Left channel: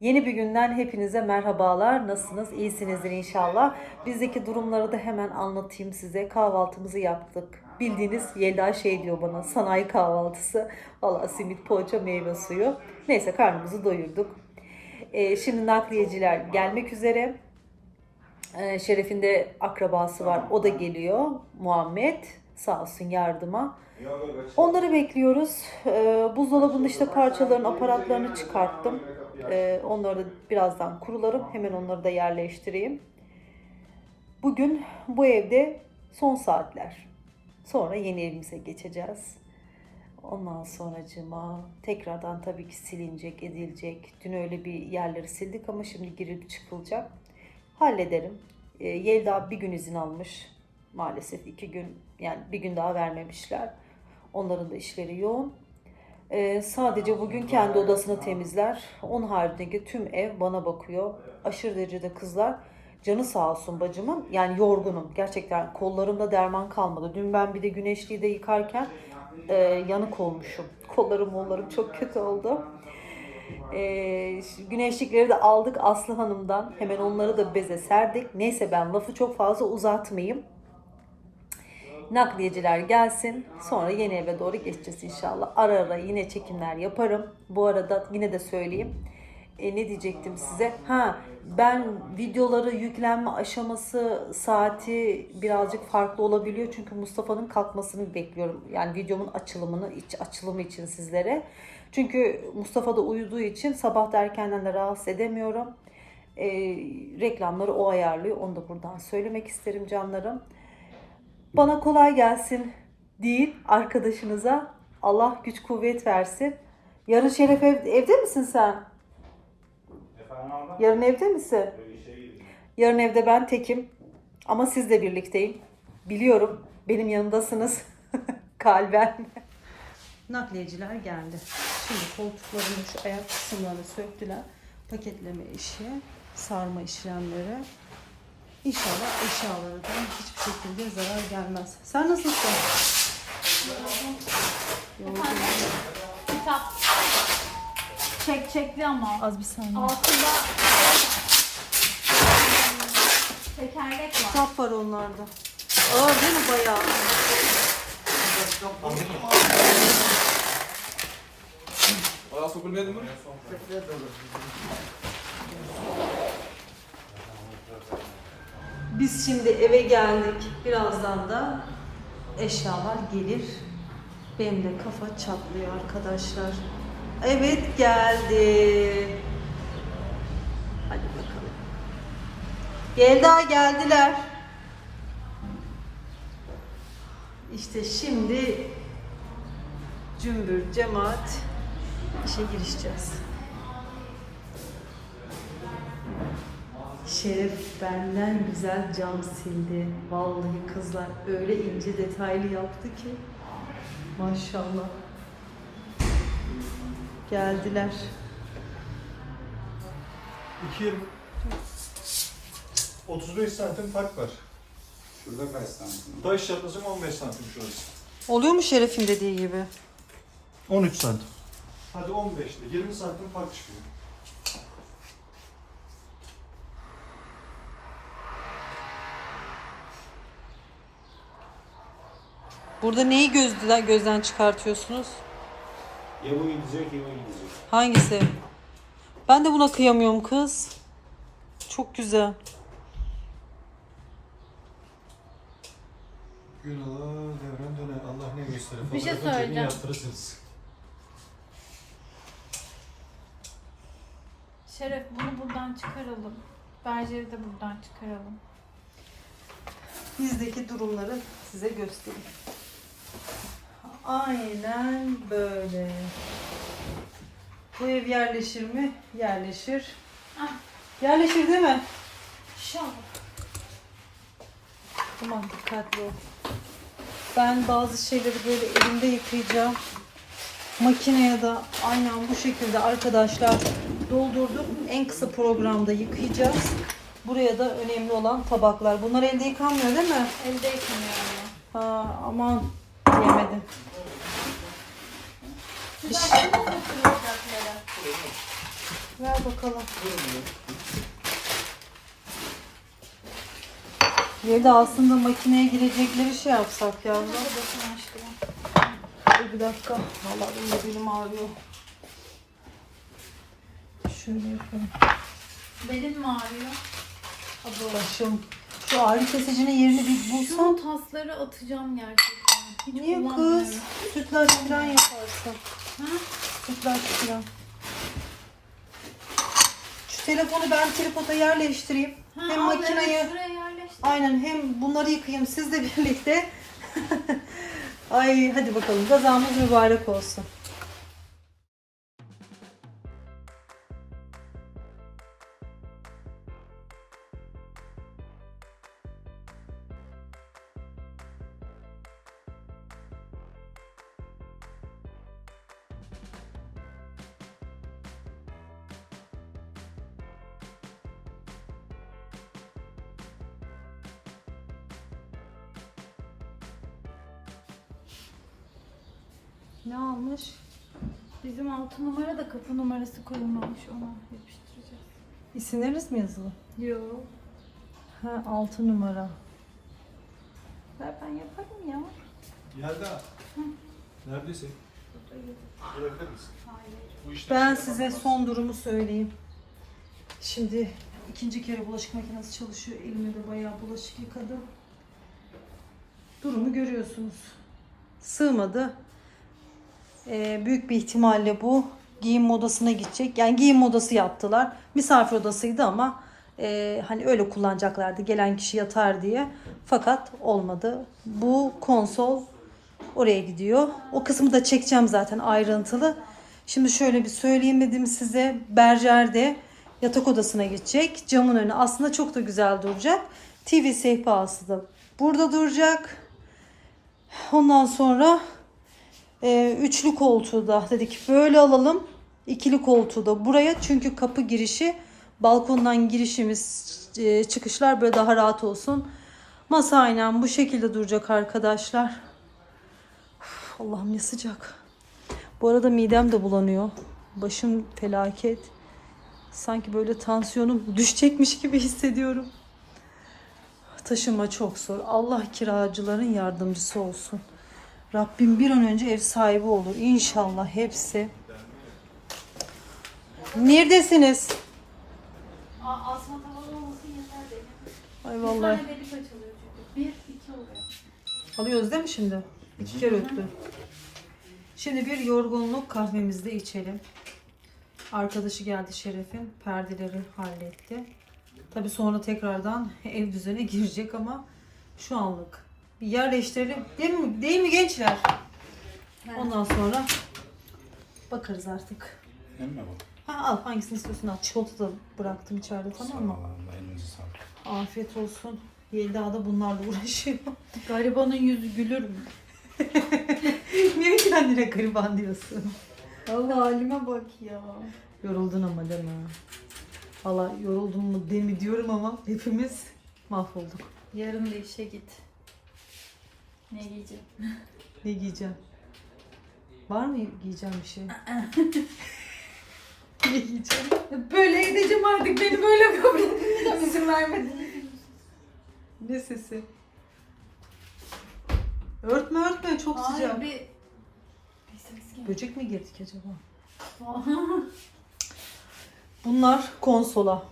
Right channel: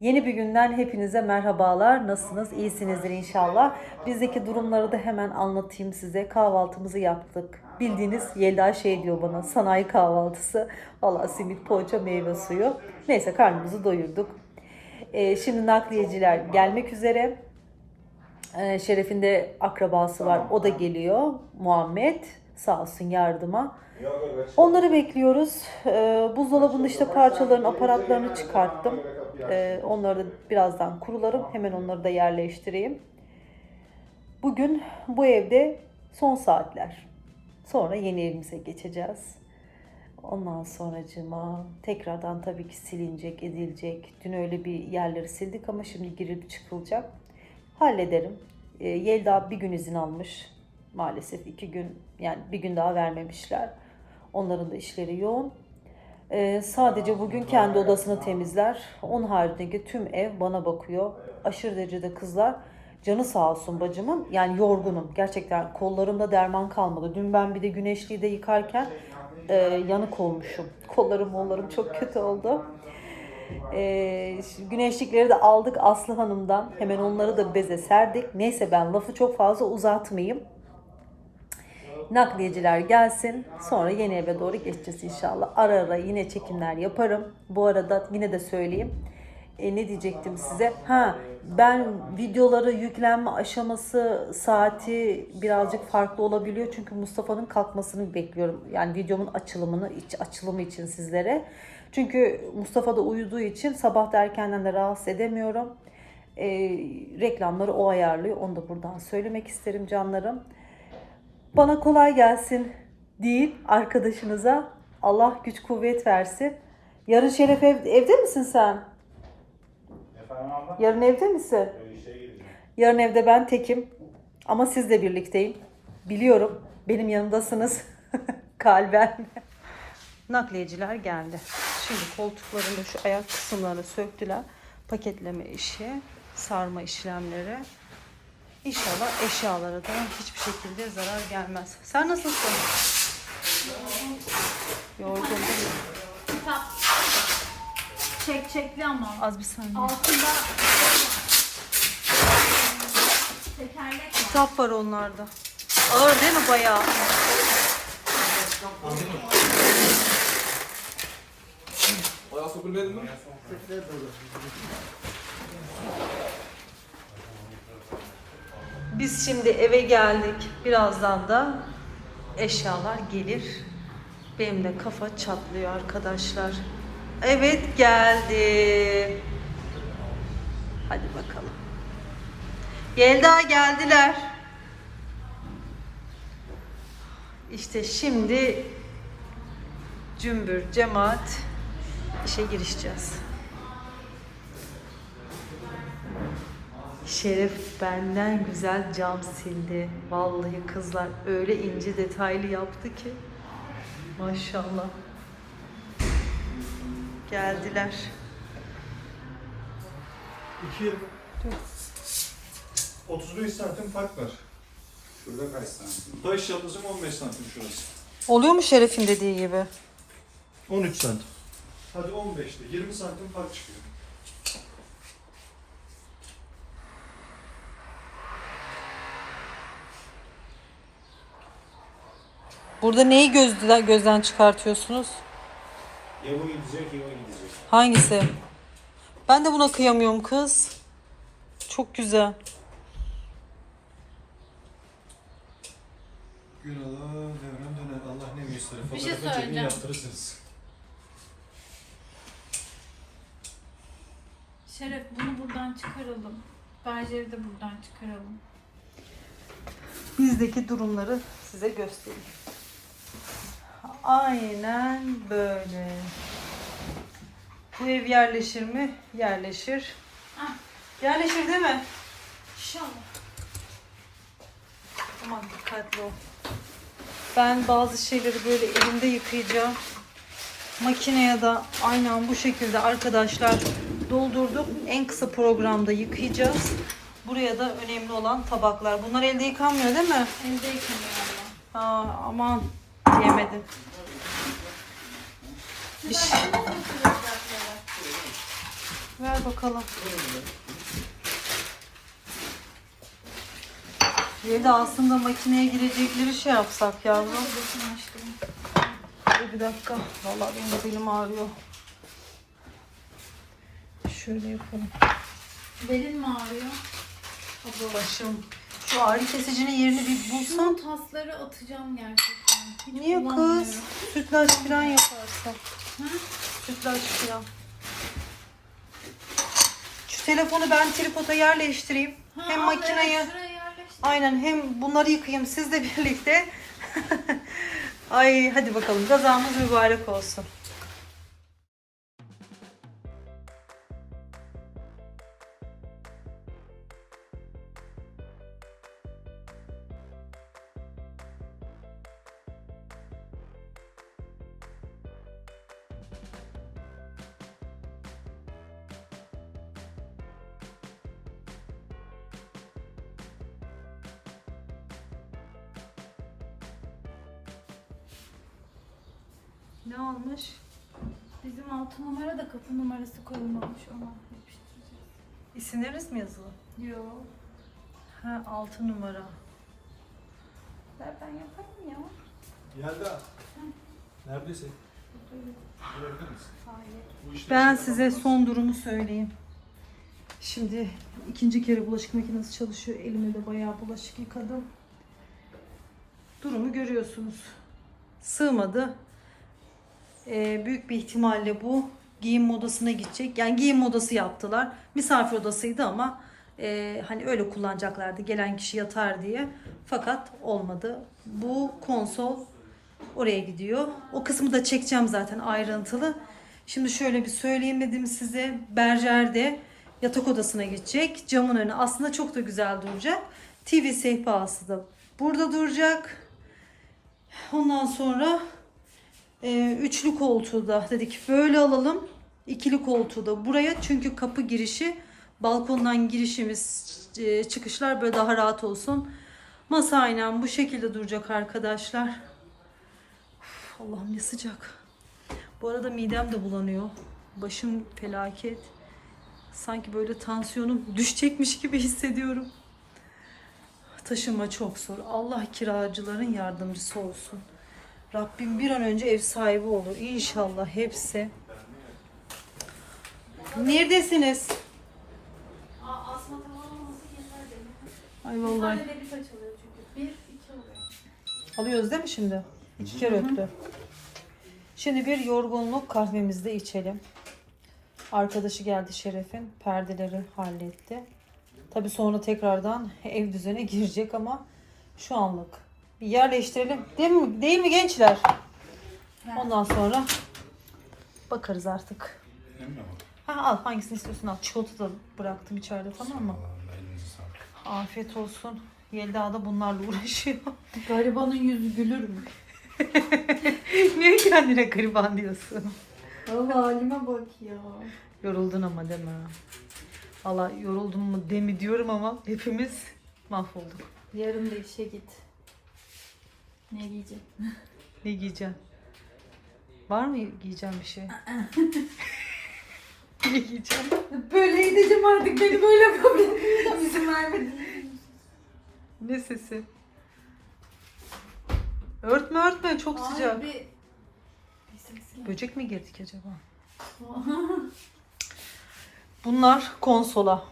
Yeni bir günden hepinize merhabalar. Nasılsınız? İyisinizdir inşallah. Bizdeki durumları da hemen anlatayım size. Kahvaltımızı yaptık. Bildiğiniz Yelda şey diyor bana sanayi kahvaltısı. Valla simit, poğaça, meyve suyu. Neyse karnımızı doyurduk. Ee, şimdi nakliyeciler gelmek üzere. Ee, Şeref'in de akrabası var. O da geliyor. Muhammed. Sağ olsun yardıma. Onları bekliyoruz. Ee, buzdolabında işte parçaların aparatlarını çıkarttım. Ee, onları da birazdan kurularım. Hemen onları da yerleştireyim. Bugün bu evde son saatler. Sonra yeni evimize geçeceğiz. Ondan sonracıma tekrardan tabii ki silinecek, edilecek. Dün öyle bir yerleri sildik ama şimdi girilip çıkılacak. Hallederim. Ee, Yelda bir gün izin almış. Maalesef iki gün yani bir gün daha vermemişler. Onların da işleri yoğun. Ee, sadece bugün kendi odasını temizler. Onun haricindeki tüm ev bana bakıyor. Aşırı derecede kızlar. Canı sağ olsun bacımın. Yani yorgunum. Gerçekten kollarımda derman kalmadı. Dün ben bir de güneşliği de yıkarken e, yanık olmuşum. Kollarım mollarım çok kötü oldu. E, güneşlikleri de aldık Aslı Hanım'dan. Hemen onları da beze serdik. Neyse ben lafı çok fazla uzatmayayım. Nakliyeciler gelsin. Sonra yeni eve doğru geçeceğiz inşallah. Ara ara yine çekimler yaparım. Bu arada yine de söyleyeyim. E, ne diyecektim size? Ha ben videoları yüklenme aşaması saati birazcık farklı olabiliyor. Çünkü Mustafa'nın kalkmasını bekliyorum. Yani videomun açılımını, iç açılımı için sizlere. Çünkü Mustafa da uyuduğu için sabah da erkenden de rahatsız edemiyorum. E, reklamları o ayarlıyor. Onu da buradan söylemek isterim canlarım. Bana kolay gelsin değil arkadaşınıza. Allah güç kuvvet versin. Yarın Şeref ev- evde misin sen? Yarın evde misin? Yarın evde ben tekim. Ama sizle birlikteyim. Biliyorum. Benim yanımdasınız. Kalben. Nakliyeciler geldi. Şimdi koltuklarını şu ayak kısımlarını söktüler. Paketleme işi, sarma işlemleri. İnşallah eşyalara da hiçbir şekilde zarar gelmez. Sen nasılsın? Yorgun. Çek çekli ama. Az bir saniye. Altında tekerlek var. Kitap var onlarda. Ağır değil mi bayağı? Ayağa sokulmayalım mı? Biz şimdi eve geldik. Birazdan da eşyalar gelir. Benim de kafa çatlıyor arkadaşlar. Evet geldi. Hadi bakalım. Gelda geldiler. İşte şimdi cümbür cemaat işe girişeceğiz. Şeref benden güzel cam sildi. Vallahi kızlar öyle ince detaylı yaptı ki. Maşallah. Geldiler. 2 35 santim fark var. Şurada kaç santim? Taşlarınızın 15 santim şurası. Oluyor mu Şeref'in dediği gibi? 13 santim. Hadi 15'te 20 santim fark çıkıyor. Burada neyi gözden, gözden çıkartıyorsunuz? Ya bu gidecek ya o gidecek. Hangisi? Ben de buna kıyamıyorum kız. Çok güzel. Gül Allah dönem döner Allah ne gösterir. Bir şey söyleyeceğim. Yaptırırsınız. Şeref bunu buradan çıkaralım. Berjeri de buradan çıkaralım. Bizdeki durumları size göstereyim. Aynen böyle. Bu ev yerleşir mi? Yerleşir. Ah. Yerleşir değil mi? İnşallah. Tamam dikkatli ol. Ben bazı şeyleri böyle elimde yıkayacağım. Makineye de aynen bu şekilde arkadaşlar doldurdum. En kısa programda yıkayacağız. Buraya da önemli olan tabaklar. Bunlar elde yıkanmıyor değil mi? Elde yıkanıyor ama. Ha, aman Bir şey- kırılacakları? Ver bakalım. Yedi aslında makineye girecekleri şey yapsak yavrum. Bir dakika. Vallahi benim de belim ağrıyor. Şöyle yapalım. Belim mi ağrıyor? Başım. Şu ağrı kesicinin yerini bir bulsam. Şu tasları atacağım gerçekten. Niye kız? Sütlaç falan yaparsın. Hı? Sütlaç falan. Şu telefonu ben tripoda yerleştireyim. Ha, hem al, makineyi evet, şuraya yerleştir. aynen hem bunları yıkayayım sizle birlikte. Ay hadi bakalım gazamız mübarek olsun. Ne almış? Bizim altı numara da kapı numarası koyulmamış ona yapıştıracağız. İsimleriniz mi yazılı? Yo. Ha 6 numara. Ver ben yaparım ya. Yelda. Neredesin? Görebilir misin? Hayır. Bu işte Ben size son durumu söyleyeyim. Şimdi ikinci kere bulaşık makinesi çalışıyor. Elimde de bayağı bulaşık yıkadım. Durumu görüyorsunuz. Sığmadı. Ee, büyük bir ihtimalle bu giyim odasına gidecek. Yani giyim odası yaptılar. Misafir odasıydı ama e, hani öyle kullanacaklardı. Gelen kişi yatar diye. Fakat olmadı. Bu konsol oraya gidiyor. O kısmı da çekeceğim zaten ayrıntılı. Şimdi şöyle bir söyleyeyim dedim size. Berjer'de yatak odasına gidecek. Camın önü aslında çok da güzel duracak. TV sehpası da burada duracak. Ondan sonra e, üçlü koltuğu da dedik böyle alalım. İkili koltuğu da buraya çünkü kapı girişi balkondan girişimiz e, çıkışlar böyle daha rahat olsun. Masa aynen bu şekilde duracak arkadaşlar. Allah'ım ne sıcak. Bu arada midem de bulanıyor. Başım felaket. Sanki böyle tansiyonum düşecekmiş gibi hissediyorum. Taşıma çok zor. Allah kiracıların yardımcısı olsun. Rabbim bir an önce ev sahibi olur. İnşallah hepsi. Neredesiniz? Ay vallahi. Alıyoruz değil mi şimdi? İki kere öttü. Şimdi bir yorgunluk kahvemizi de içelim. Arkadaşı geldi Şeref'in. Perdeleri halletti. Tabi sonra tekrardan ev düzene girecek ama şu anlık bir yerleştirelim. Değil mi, değil mi gençler? Ondan sonra bakarız artık. Ha, al hangisini istiyorsun al. Çikolata da bıraktım içeride tamam mı? Afiyet olsun. Yelda da bunlarla uğraşıyor. Garibanın yüzü gülür mü? Niye kendine gariban diyorsun? Allah halime bak ya. Yoruldun ama deme. Valla yoruldum mu demi diyorum ama hepimiz mahvolduk. Yarın da işe git. Ne giyeceğim? Ne giyeceksin? Var mı giyeceğim bir şey? ne giyeceğim? Böyle gideceğim artık beni böyle kabul etmeyeceğim izin vermedin. Ne sesi? Örtme örtme çok sıcak. Hayır bir... Bir ses. Böcek mi girdik acaba? Bunlar konsola.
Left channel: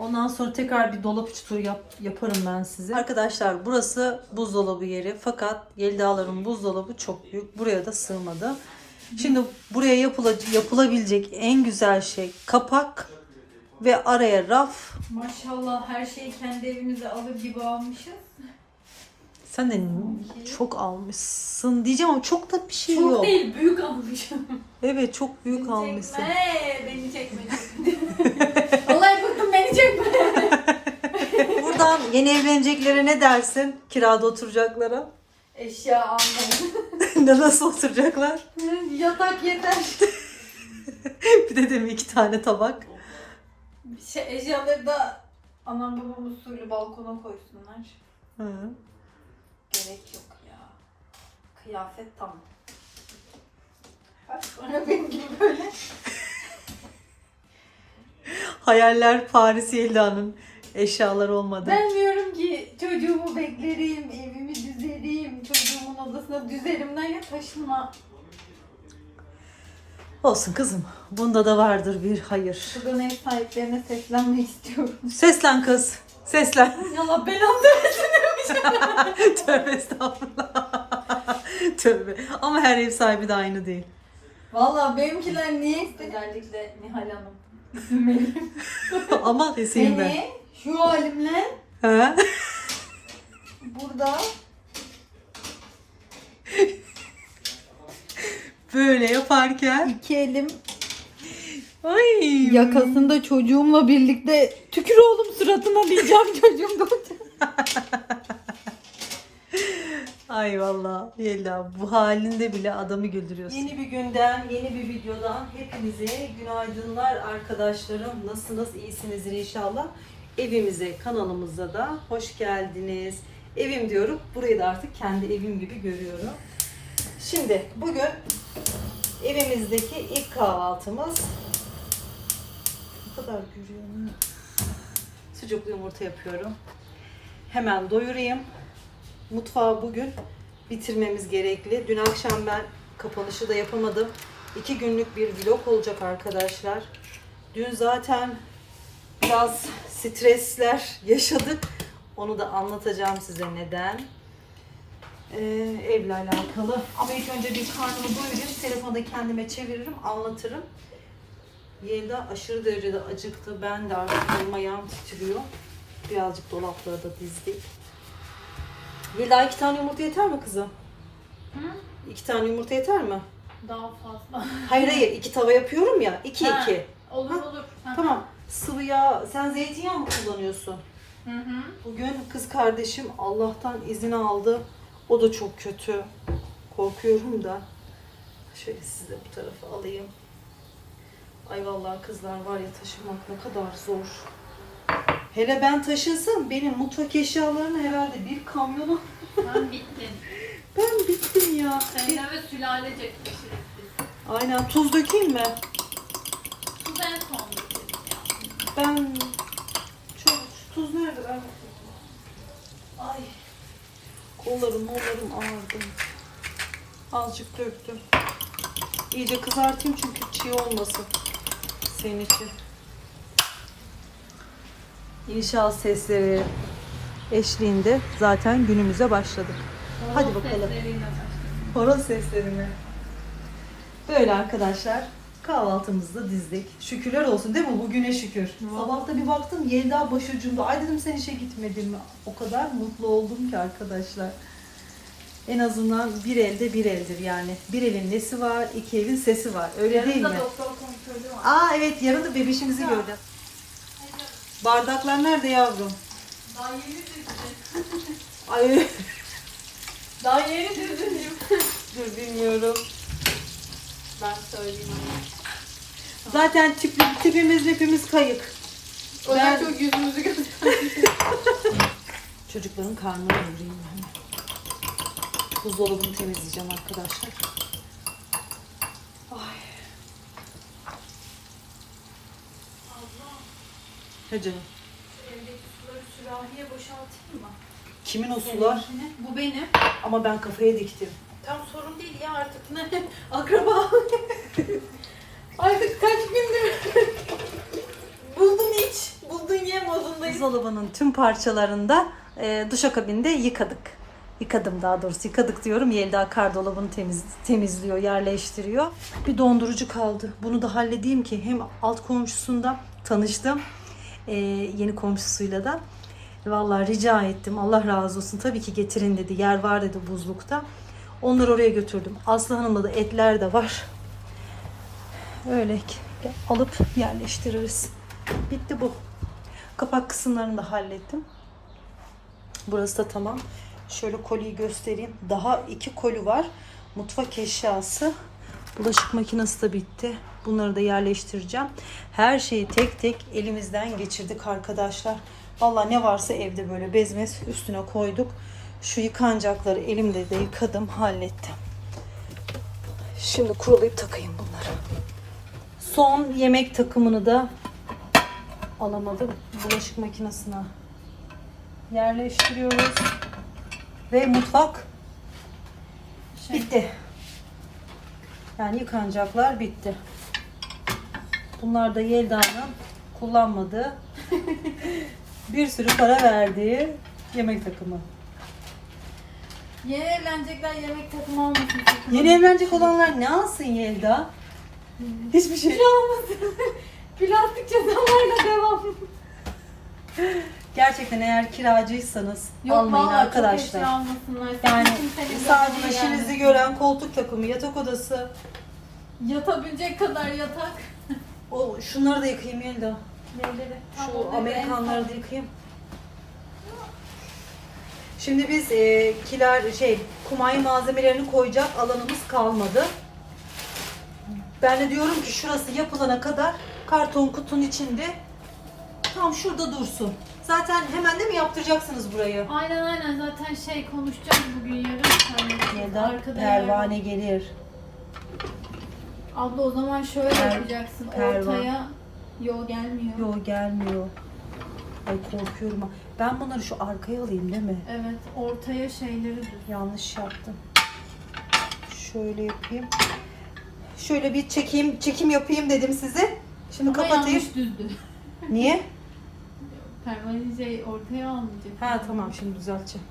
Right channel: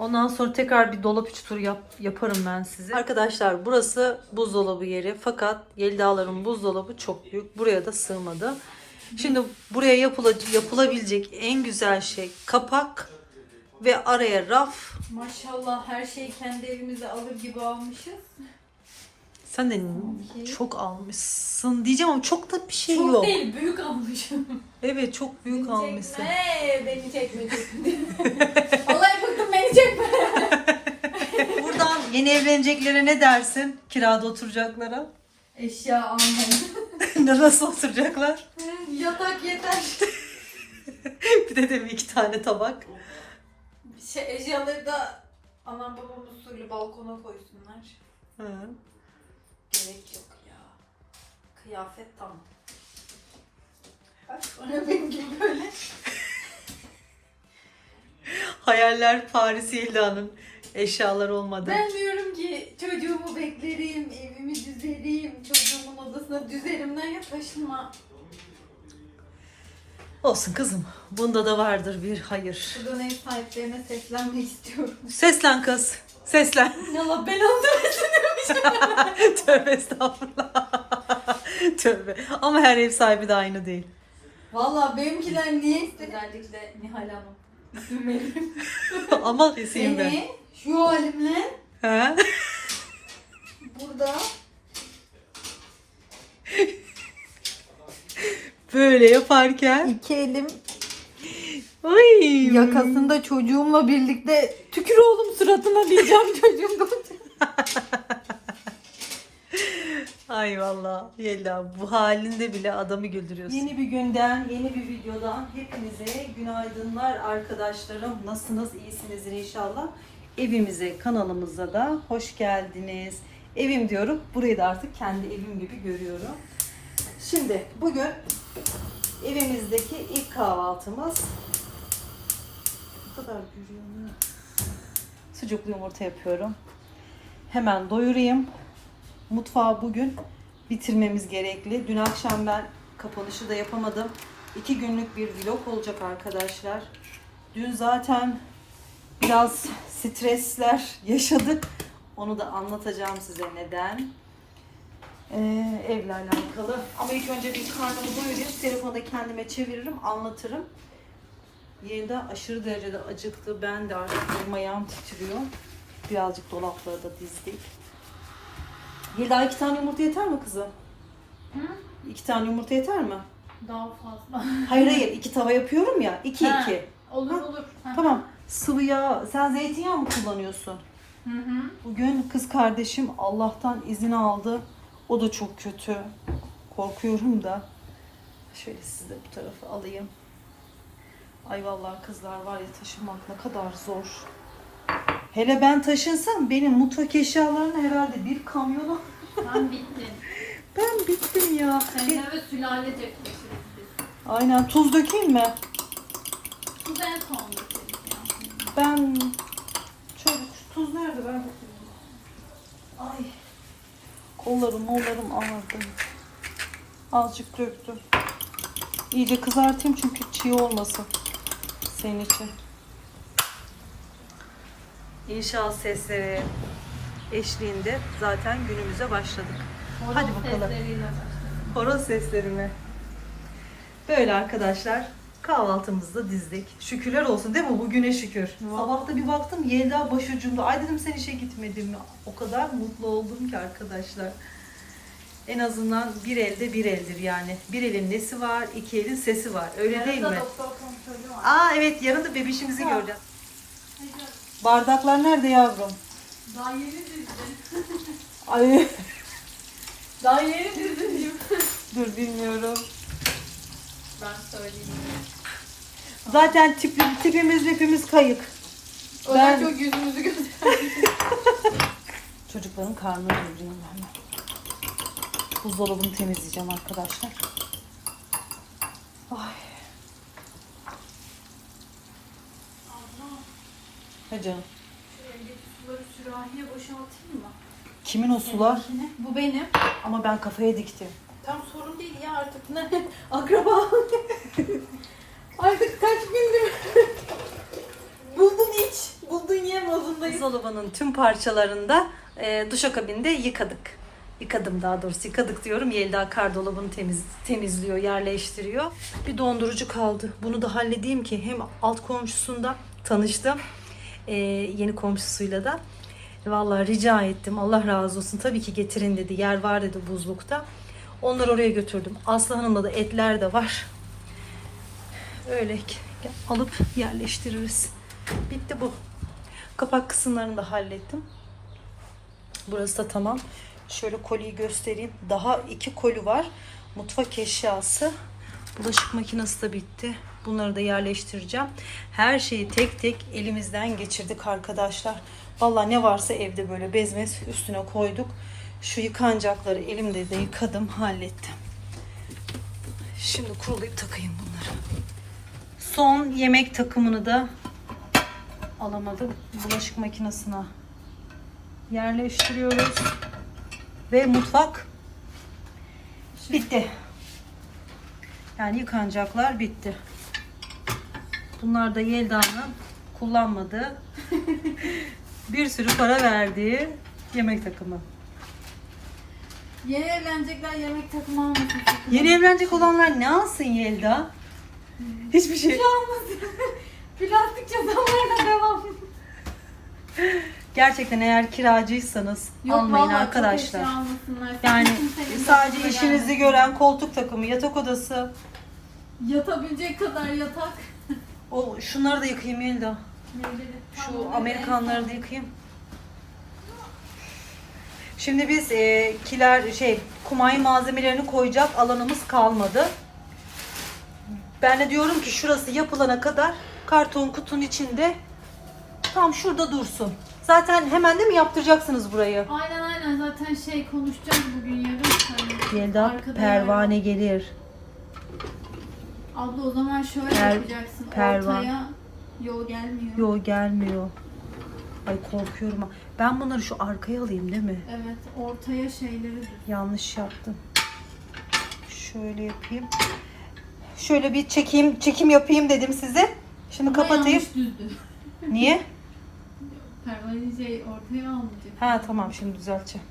Ondan sonra tekrar bir dolap içi turu yap, yaparım ben size. Arkadaşlar burası buzdolabı yeri. Fakat Yelda'ların buzdolabı çok büyük. Buraya da sığmadı. Şimdi buraya yapıla- yapılabilecek en güzel şey kapak ve araya raf. Maşallah her şeyi kendi evimize alır gibi almışız. Sen de çok almışsın diyeceğim ama çok da bir şey Çok yok. değil büyük almışım. Evet çok büyük Beni almışsın. Çekme, beni çekme. Vallahi bıktım beni çekme. Buradan yeni evleneceklere ne dersin? Kirada oturacaklara. Eşya almayın. Ne Nasıl oturacaklar? Yatak yeter. Bir de demin iki tane tabak. Şey, eşyaları da anam babam usulü balkona koysunlar. Hı. Gerek yok ya. Kıyafet tam. Bak sonra benim gibi böyle. Hayaller Paris Yelda'nın eşyaları olmadı. Ben diyorum ki çocuğumu beklerim, evimi düzerim, çocuğumun odasına düzerimden ya taşınma. Olsun kızım. Bunda da vardır bir hayır. Buradan ev sahiplerine seslenmek istiyorum. Seslen kız. Seslen. Yallah belanı versin. Tövbe estağfurullah. Tövbe. Ama her ev sahibi de aynı değil. Valla benimkiler niye Özellikle Nihal Hanım. Verin. Ama keseyim ben. Beni şu halimle Ha? burada Böyle yaparken. iki elim Ay. yakasında çocuğumla birlikte tükür oğlum suratına diyeceğim çocuğum da. Ay valla Yelda bu halinde bile adamı güldürüyorsun. Yeni bir günden, yeni bir videodan hepinize günaydınlar arkadaşlarım. Nasılsınız? İyisinizdir inşallah. Evimize, kanalımıza da hoş geldiniz. Evim diyorum. Burayı da artık kendi evim gibi görüyorum. Şimdi bugün evimizdeki ilk kahvaltımız ne kadar görüyorum. Sucuklu yumurta yapıyorum. Hemen doyurayım. Mutfağı bugün bitirmemiz gerekli. Dün akşam ben kapanışı da yapamadım. İki günlük bir vlog olacak arkadaşlar. Dün zaten biraz stresler yaşadık. Onu da anlatacağım size neden. Ee, evle alakalı. Ama ilk önce bir karnımı doyurayım. Telefonu da kendime çeviririm, anlatırım. Yelda aşırı derecede acıktı. Ben de artık ayağım titriyor. Birazcık dolapları da dizdik. Yelda iki tane yumurta yeter mi kızım? Hı? İki tane yumurta yeter mi? Daha fazla. Hayır hayır iki tava yapıyorum ya. iki Ha. iki. Olur olur. Tamam. Sıvı yağ. Sen zeytinyağı mı kullanıyorsun? Hı hı. Bugün kız kardeşim Allah'tan izin aldı. O da çok kötü. Korkuyorum da. Şöyle size bu tarafa alayım. Ay vallahi kızlar var ya taşımak ne kadar zor. Hele ben taşınsam benim mutfak eşyalarını herhalde bir kamyonu Ben bittim. ben bittim ya. Zeynep ve sülale çekmişiz biz. Aynen tuz dökeyim mi? Tuz en son. Ben çok tuz nerede ben. Ay kollarım kollarım ağrıdı. Azıcık döktüm. İyice kızartayım çünkü çiğ olmasın senin için. İnşaat sesleri eşliğinde zaten günümüze başladık. Hadi bakalım. Horoz sesleri mi? Böyle arkadaşlar kahvaltımızı dizdik. Şükürler olsun değil mi? Bugüne şükür. Sabah da bir baktım Yelda başucumda. Ay dedim sen işe gitmedin mi? O kadar mutlu oldum ki arkadaşlar. En azından bir elde bir eldir yani. Bir elin nesi var, iki elin sesi var. Öyle Yarın değil da mi? doktor kontrolü var. Aa evet yarın da bebişimizi göreceğiz. Bardaklar nerede yavrum? Daha yeni düzdün. Ay Daha yeni düzdün. dur bilmiyorum. Ben söyleyeyim. Zaten tip, tipimiz hepimiz kayıp. O Ben- çok yüzümüzü gösterdi. Çocukların karnını doyurayım. Buzdolabını temizleyeceğim arkadaşlar. Canım. Evdeki suları sürahiye boşaltayım mı? Kimin o sular? Bu benim. Ama ben kafaya diktim. Tam sorun değil ya artık ne? Akraba. artık kaç gündür. buldun iç, buldun ye modundayım. Buzdolabının tüm parçalarında e, duşakabinde yıkadık. Yıkadım daha doğrusu. Yıkadık diyorum. Yelda kar dolabını temiz, temizliyor, yerleştiriyor. Bir dondurucu kaldı. Bunu da halledeyim ki hem alt komşusunda tanıştım. E, yeni komşusuyla da. Vallahi rica ettim. Allah razı olsun. Tabii ki getirin dedi. Yer var dedi buzlukta. Onları oraya götürdüm. Aslı Hanım'la da etler de var. Öyle alıp yerleştiririz. Bitti bu. Kapak kısımlarını da hallettim. Burası da tamam. Şöyle koliyi göstereyim. Daha iki koli var. Mutfak eşyası. Bulaşık makinesi de bitti. Bunları da yerleştireceğim. Her şeyi tek tek elimizden geçirdik arkadaşlar. Valla ne varsa evde böyle bezmez üstüne koyduk. Şu yıkanacakları elimde de yıkadım, hallettim. Şimdi kurulayıp takayım bunları. Son yemek takımını da alamadım. Bulaşık makinesine yerleştiriyoruz. Ve mutfak bitti. Yani yıkanacaklar bitti. Bunlar da Yelda'nın kullanmadığı bir sürü para verdiği yemek takımı. Yeni evlenecekler yemek takımı almasın. Yeni evlenecek olanlar ne alsın Yelda? Hiçbir şey. Şey olmasın. Plastik cezalarla devam. Gerçekten eğer kiracıysanız almayın vallahi çok arkadaşlar. eşya almasınlar. Yani Kimsenin sadece işinizi gelmesin. gören koltuk takımı, yatak odası. Yatabilecek kadar yatak. O şunları da yıkayayım Yelda. Şu Amerikanları da yıkayayım. Şimdi biz e, kiler şey kumay malzemelerini koyacak alanımız kalmadı. Ben de diyorum ki şurası yapılana kadar karton kutunun içinde tam şurada dursun. Zaten hemen de mi yaptıracaksınız burayı? Aynen aynen zaten şey konuşacağız bugün yarın. Yelda arkada pervane gelir. Abla o zaman şöyle Per- yapacaksın. pervan. Ortaya yol gelmiyor. Yo gelmiyor. Ay korkuyorum. Ben bunları şu arkaya alayım değil mi? Evet ortaya şeyleri. Yanlış yaptım. Şöyle yapayım. Şöyle bir çekeyim, çekim yapayım dedim size. Şimdi Ama kapatayım. yanlış düzdü. Niye? Pervane şey ortaya almayacak. Ha tamam şimdi düzelteceğim.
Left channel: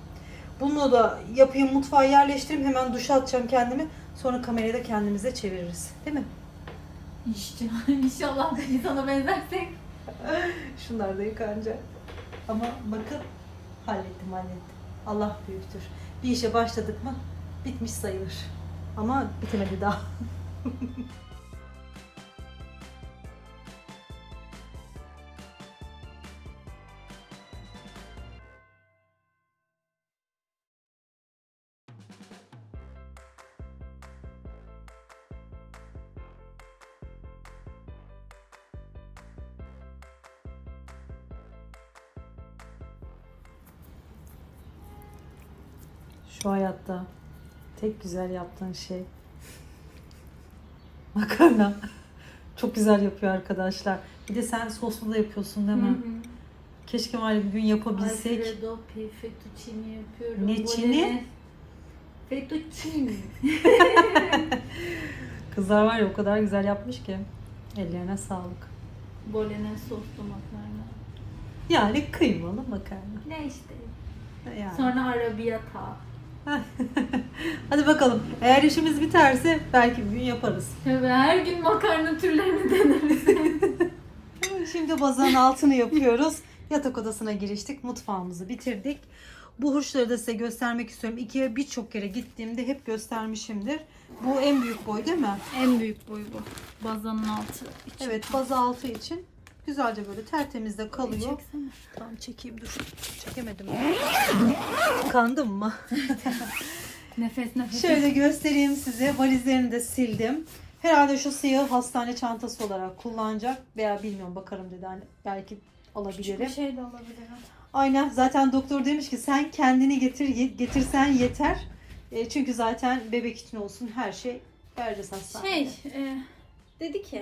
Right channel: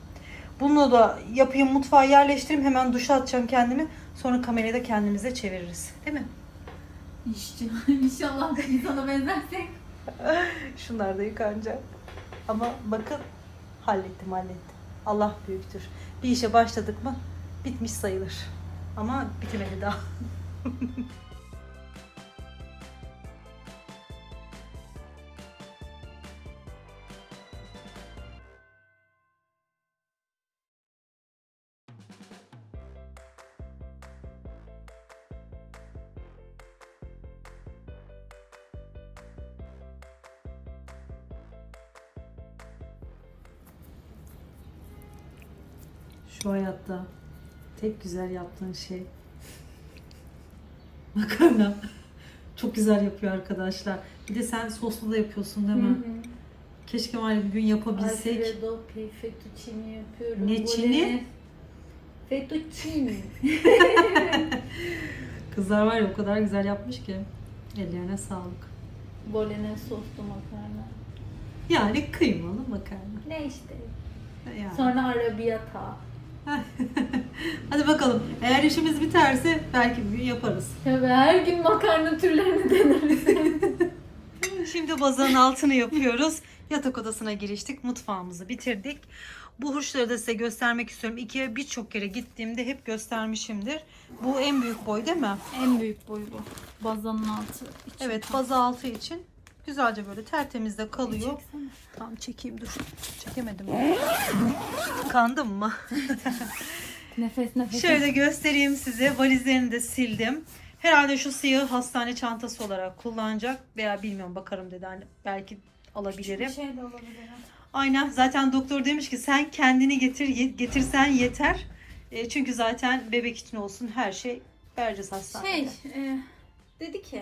Bunu da yapayım mutfağa yerleştireyim hemen duşa atacağım kendimi. Sonra kamerayı da kendimize çeviririz. Değil mi? İnşallah, inşallah da insana benzersek. Şunlar da yıkanacak. Ama bakın hallettim hallettim. Allah büyüktür. Bir işe başladık mı bitmiş sayılır. Ama bitemedi daha. Şu hayatta tek güzel yaptığın şey makarna. Çok güzel yapıyor arkadaşlar. Bir de sen soslu da yapıyorsun değil mi? Keşke var ya bir gün yapabilsek. Alfredo fettuccine yapıyorum. Ne çini? Fettuccine. Kızlar var ya o kadar güzel yapmış ki. Ellerine sağlık. Bolognese soslu makarna. Yani kıymalı makarna. Ne işte. Yani. Sonra arrabbiata. Hadi bakalım. Eğer işimiz biterse belki bir gün yaparız. Tabii her gün makarna türlerini deneriz. Şimdi bazanın altını yapıyoruz. Yatak odasına giriştik. Mutfağımızı bitirdik. Bu hurçları da size göstermek istiyorum. İkiye birçok kere gittiğimde hep göstermişimdir. Bu en büyük boy değil mi? en büyük boy bu. Bazanın altı. İçi. Evet bazı altı için. Güzelce böyle tertemiz de kalıyor. Çeksene. Tamam çekeyim dur. Çekemedim. Kandım mı? Nefes nefes. Şöyle göstereyim size. Valizlerini de sildim. Herhalde şu siyahı hastane çantası olarak kullanacak veya bilmiyorum bakarım dedi. Hani belki alabilirim. Bir şey de olabilir. Aynen. Zaten doktor demiş ki sen kendini getir getirsen yeter. E, çünkü zaten bebek için olsun her şey vereceğiz hastanede. Şey, e, dedi ki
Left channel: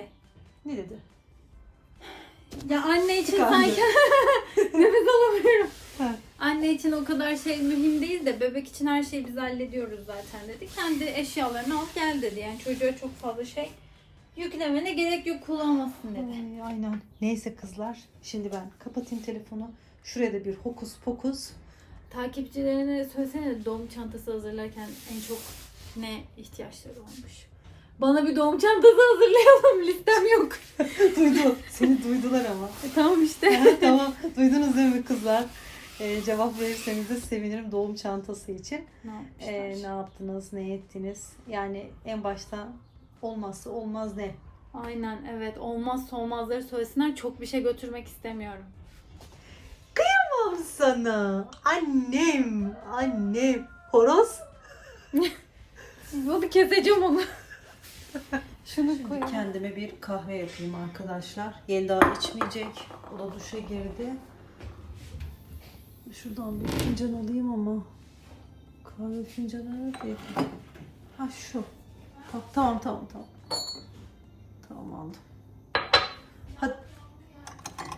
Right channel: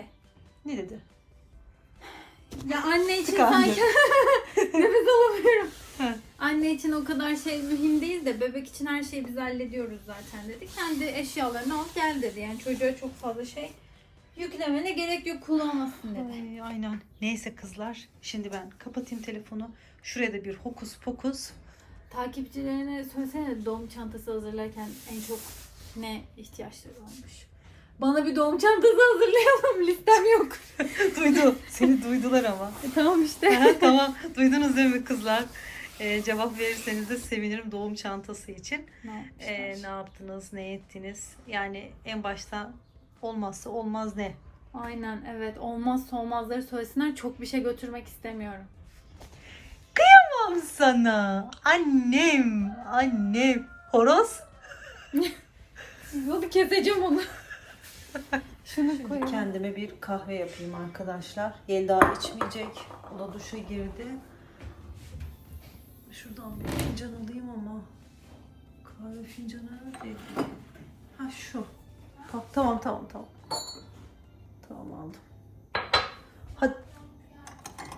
Ne dedi? Ya anne için Tıkandı. sanki nefes alamıyorum. Ha. Anne için o kadar şey mühim değil de bebek için her şeyi biz hallediyoruz zaten dedi. Kendi eşyalarını al gel dedi. Yani çocuğa çok fazla şey yüklemene gerek yok kullanmasın dedi. Ay, aynen. Neyse kızlar. Şimdi ben kapatayım telefonu. Şuraya da bir hokus pokus. Takipçilerine söylesene doğum çantası hazırlarken en çok ne ihtiyaçları varmış. Bana bir doğum çantası hazırlayalım listem yok. Duydu. Seni duydular ama. E, tamam işte. Tamam. Duydunuz değil mi kızlar? Ee, cevap verirseniz de sevinirim doğum çantası için. Ne Ee, ne yaptınız, ne ettiniz? Yani en başta olmazsa olmaz ne? Aynen evet olmazsa olmazları söylesinler çok bir şey götürmek istemiyorum. Tamam sana. Annem, annem. Horoz. Hadi keseceğim onu. Şunu koy. Kendime bir kahve yapayım arkadaşlar. Yelda içmeyecek. O da duşa girdi. Şuradan bir fincan alayım ama. Kahve fincanı nerede? Ha şu. Bak, tamam tamam tamam. Tamam aldım. Hadi.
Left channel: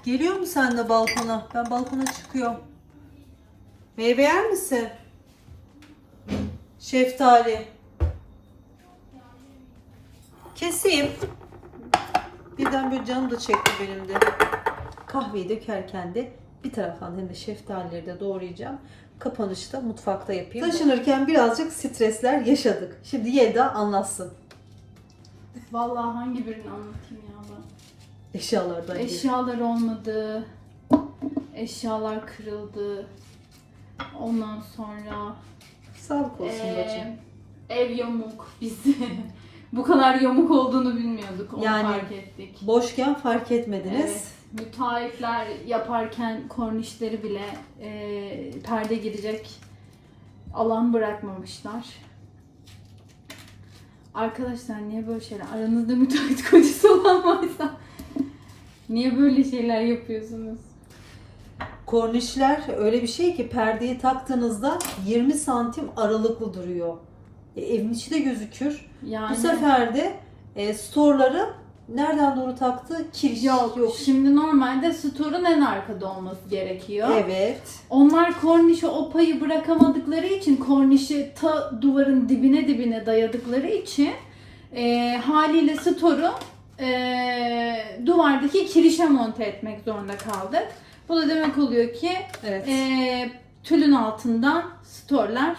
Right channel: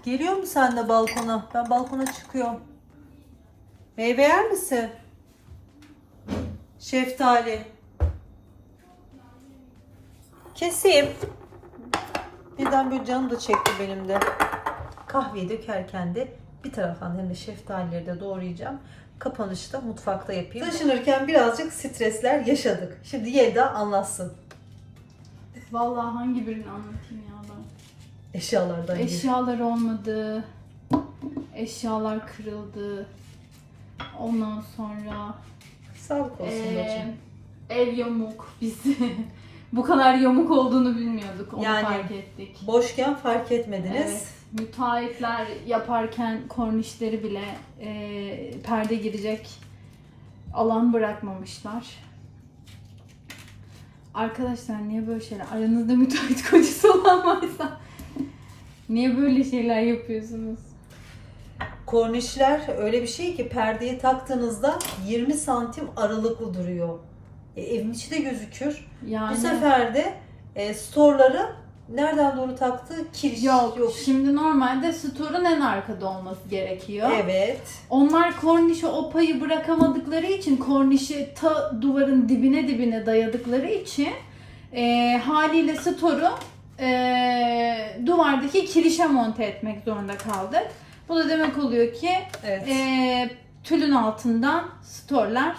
Geliyor mu sen de balkona? Ben balkona çıkıyorum. Meyve yer misin? Şeftali. Keseyim. Birden böyle canım da çekti benim de. Kahveyi dökerken de bir taraftan hem de şeftalileri de doğrayacağım. Kapanışta mutfakta yapayım. Taşınırken birazcık stresler yaşadık. Şimdi Yelda anlatsın. Vallahi hangi birini anlatayım ya ben? Eşyalardan. Eşyalar olmadı. Eşyalar kırıldı. Ondan sonra Sağlık olsun eee, bacım. ev yamuk. Biz bu kadar yamuk olduğunu bilmiyorduk. Onu Yani fark ettik. Boşken fark etmediniz. Evet, müteahhitler yaparken kornişleri bile eee, perde girecek alan bırakmamışlar. Arkadaşlar niye böyle şeyler? Aranızda müteahhit kocası olan varsa niye böyle şeyler yapıyorsunuz? Kornişler öyle bir şey ki perdeyi taktığınızda 20 santim aralıklı duruyor. E, evin içi de gözükür. Yani Bu sefer de e, storları nereden doğru taktı? Kiriş yok, yok. Şimdi normalde store'un en arkada olması gerekiyor. Evet. Onlar kornişe o payı bırakamadıkları için kornişi ta duvarın dibine dibine dayadıkları için e, haliyle store'u e, duvardaki kirişe monte etmek zorunda kaldık. Bu da demek oluyor ki Evet. e, tülün altından store'lar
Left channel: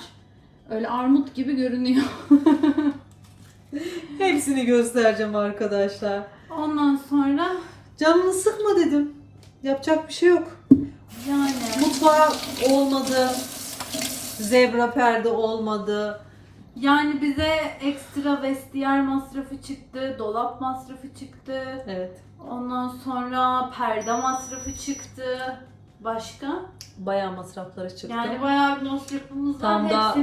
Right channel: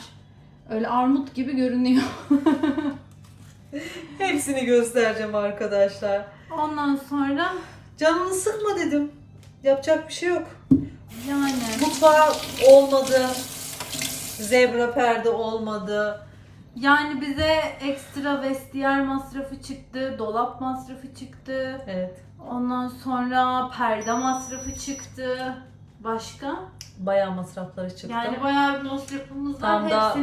öyle armut gibi görünüyor. Hepsini göstereceğim arkadaşlar. Ondan sonra Canını sıkma dedim. Yapacak bir şey yok. yani Mutfağa olmadı. Zebra perde olmadı. yani bize ekstra vestiyer masrafı çıktı, dolap masrafı çıktı. Evet. Ondan sonra perde masrafı çıktı. Başka? Bayağı masrafları çıktı. Yani bayağı bir masrafımız var. Tam da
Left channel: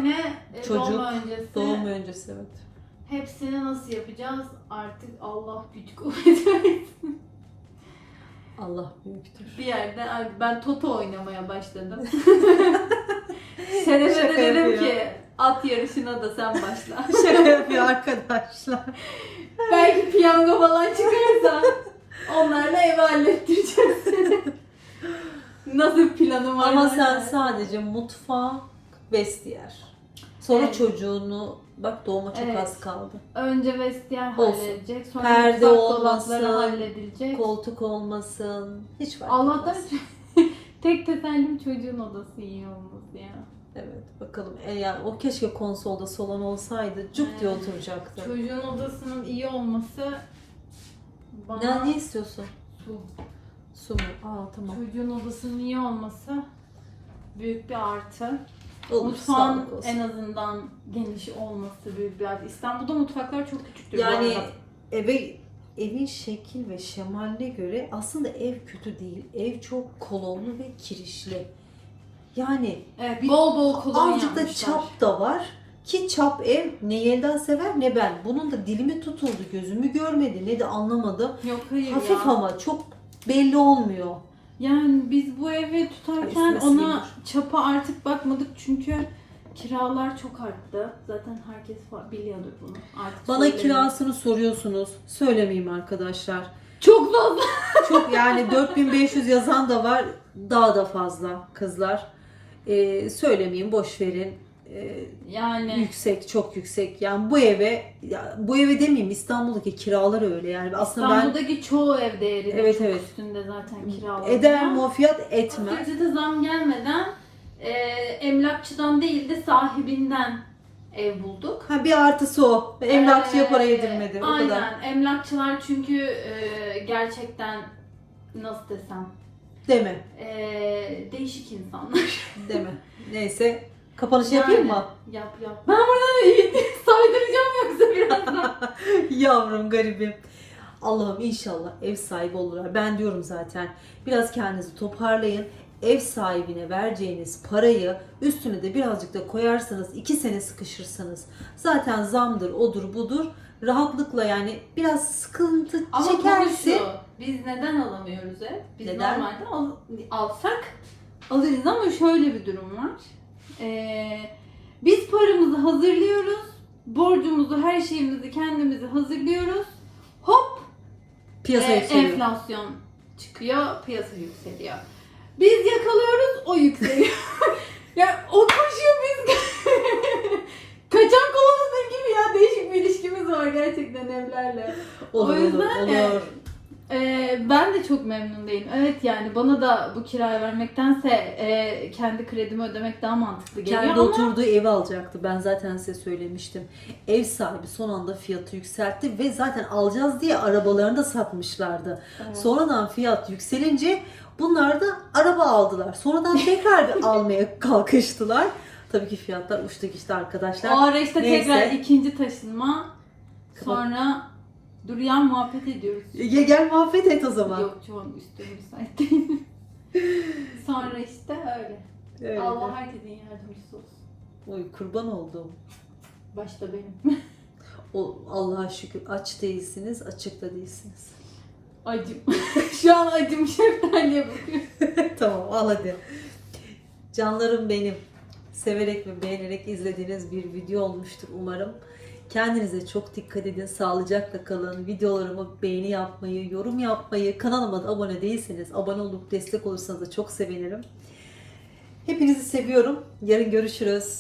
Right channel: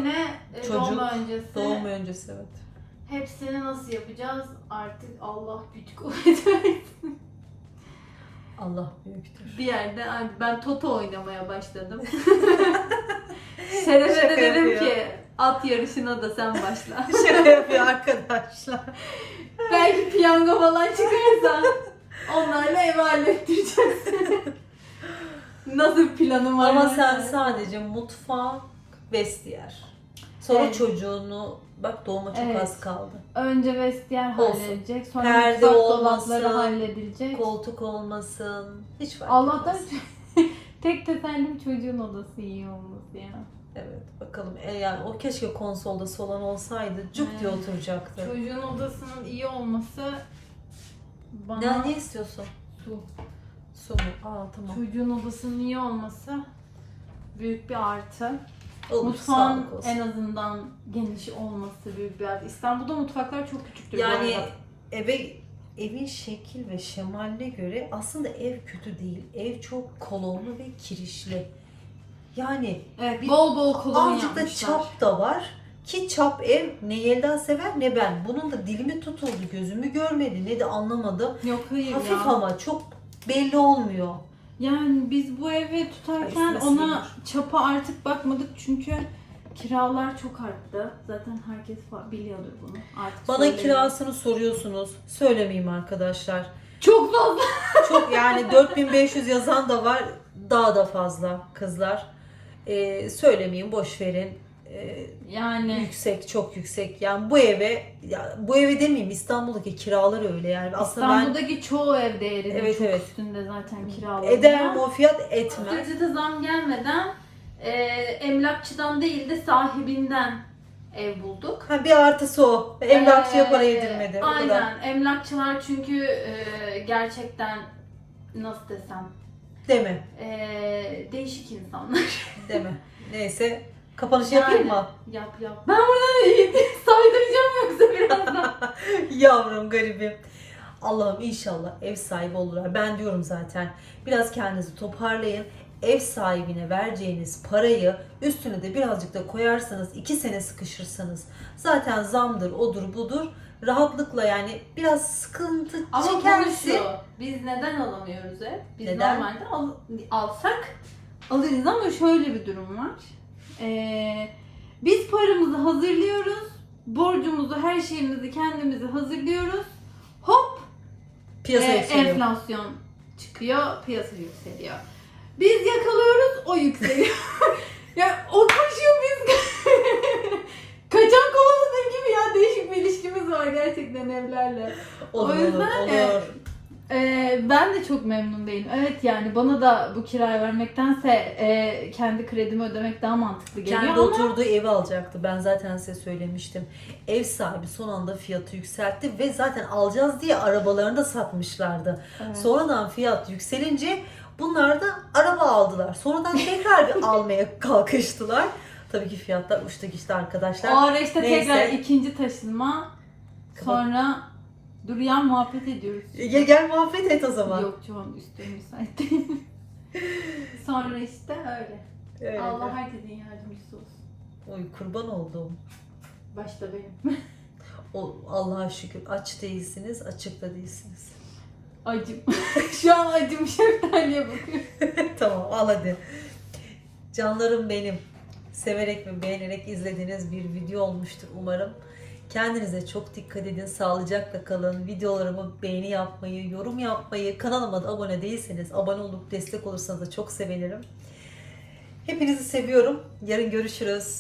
e, çocuk, doğum öncesi. Doğum öncesi evet. Hepsini nasıl yapacağız? Artık Allah güç kuvvet versin. Allah büyüktür. Bir yerde "Ay, ben Toto oynamaya başladım. Şerefe de dedim ki at yarışına da sen başla. Şaka yapıyor arkadaşlar. Belki piyango falan çıkarsa onlarla ev hallettireceğiz. Nasıl bir planın var? Ama sen sadece mutfak, vestiyer. Sonra Evet. çocuğunu bak doğuma çok Evet. az kaldı. Önce vestiyer Olsun. halledilecek. Sonra Perde olmasın, dolapları halledilecek. Koltuk olmasın. Hiç fark Allah'tan etmez. tek tesellim çocuğun odası iyi olması ya. Evet bakalım. E yani o keşke konsolda solan olsaydı cuk diye Aynen. oturacaktı. Çocuğun odasının iyi olması bana Ne, ne istiyorsun? su. Su mu? Aa tamam. Çocuğun odasının iyi olması büyük bir artı. Olur Mutfağın en azından geniş olması büyük bir artı. İstanbul'da mutfaklar çok küçüktür. Yani eve evin şekil ve şemaline göre aslında ev kötü değil. Ev çok kolonlu ve kirişli. Yani evet, bir- bol bol kolon azıcık da çap da var. Ki çap ev ne Yelda sever ne ben. Bunun da dilimi tutuldu. Gözümü görmedi ne de anlamadım. Yok hayır Hafif ya. ama çok belli olmuyor. Yani biz bu evi tutarken ona çapa artık bakmadık çünkü kiralar çok arttı. Zaten herkes biliyordur bunu. Artık Bana kirasını soruyorsunuz. Söylemeyeyim arkadaşlar. çok fazla. Çok yani 4500 yazan da var. Daha da fazla kızlar. Ee, söylemeyeyim boş verin. Yani yüksek çok yüksek. Yani bu eve ya bu eve demeyeyim İstanbul'daki kiralar öyle yani. Aslında ben İstanbul'daki çoğu ev değeri de Evet, çok evet. üstünde zaten kiralar. eder mi o fiyat etmez. Ücrete zam gelmeden e, emlakçıdan değil de sahibinden ev bulduk. Ha bir artısı o. Emlakçıya para Ee, yedirmedi. O Aynen. kadar. Emlakçılar çünkü e, gerçekten nasıl desem Deme. e, değişik insanlar. Deme. Neyse. Kapanışı yapayım mı? Yap yap. Ben buradan saydıracağım yoksa birazdan. Yavrum garibim. Allah'ım inşallah ev sahibi olurlar. Ben diyorum zaten. Biraz kendinizi toparlayın. Ev sahibine vereceğiniz parayı üstüne de birazcık da koyarsanız iki sene sıkışırsanız zaten zamdır odur budur rahatlıkla yani biraz sıkıntı Ama çekersin. şu, Biz neden alamıyoruz ev? Biz Neden? normalde al- alsak alırız ama şöyle bir durum var. Ee, biz paramızı hazırlıyoruz. Borcumuzu, her şeyimizi kendimizi hazırlıyoruz. Hop Piyasa e, yükseliyor. enflasyon çıkıyor, piyasa yükseliyor. Biz yakalıyoruz, o yükseliyor. ya o koşuyor biz kaçan kovaladığın gibi ya değişik bir ilişkimiz var gerçekten evlerle. Olur, O yüzden olur, de- olur. Ee, ben de çok memnun değilim. Evet yani bana da bu kirayı vermektense e, kendi kredimi ödemek daha mantıklı geliyor Kendi ama oturduğu evi alacaktı. Ben zaten size söylemiştim. Ev sahibi son anda fiyatı yükseltti ve zaten alacağız diye arabalarını da satmışlardı. Evet. Sonradan fiyat yükselince bunlar da araba aldılar. Sonradan tekrar bir almaya kalkıştılar. Tabii ki fiyatlar uçtu gitti arkadaşlar. o tekrar ikinci taşınma Kapat- sonra duruyan muhabbet ediyoruz. Ya gel muhabbet et o zaman. Yok çoğun üstüne müsait değil. sonra işte öyle. Öyle. Allah herkesin yardımcısı olsun. Oy kurban oldum. Başta benim. O Allah'a şükür aç değilsiniz, açık da değilsiniz. Acım. Şu an acım şeftaliye bakıyor. tamam al hadi. Canlarım benim. Severek ve beğenerek izlediğiniz bir video olmuştur umarım. Kendinize çok dikkat edin. Sağlıcakla kalın. Videolarımı beğeni yapmayı, yorum yapmayı, kanalıma da abone değilseniz abone olup destek olursanız da çok sevinirim. Hepinizi seviyorum. Yarın görüşürüz.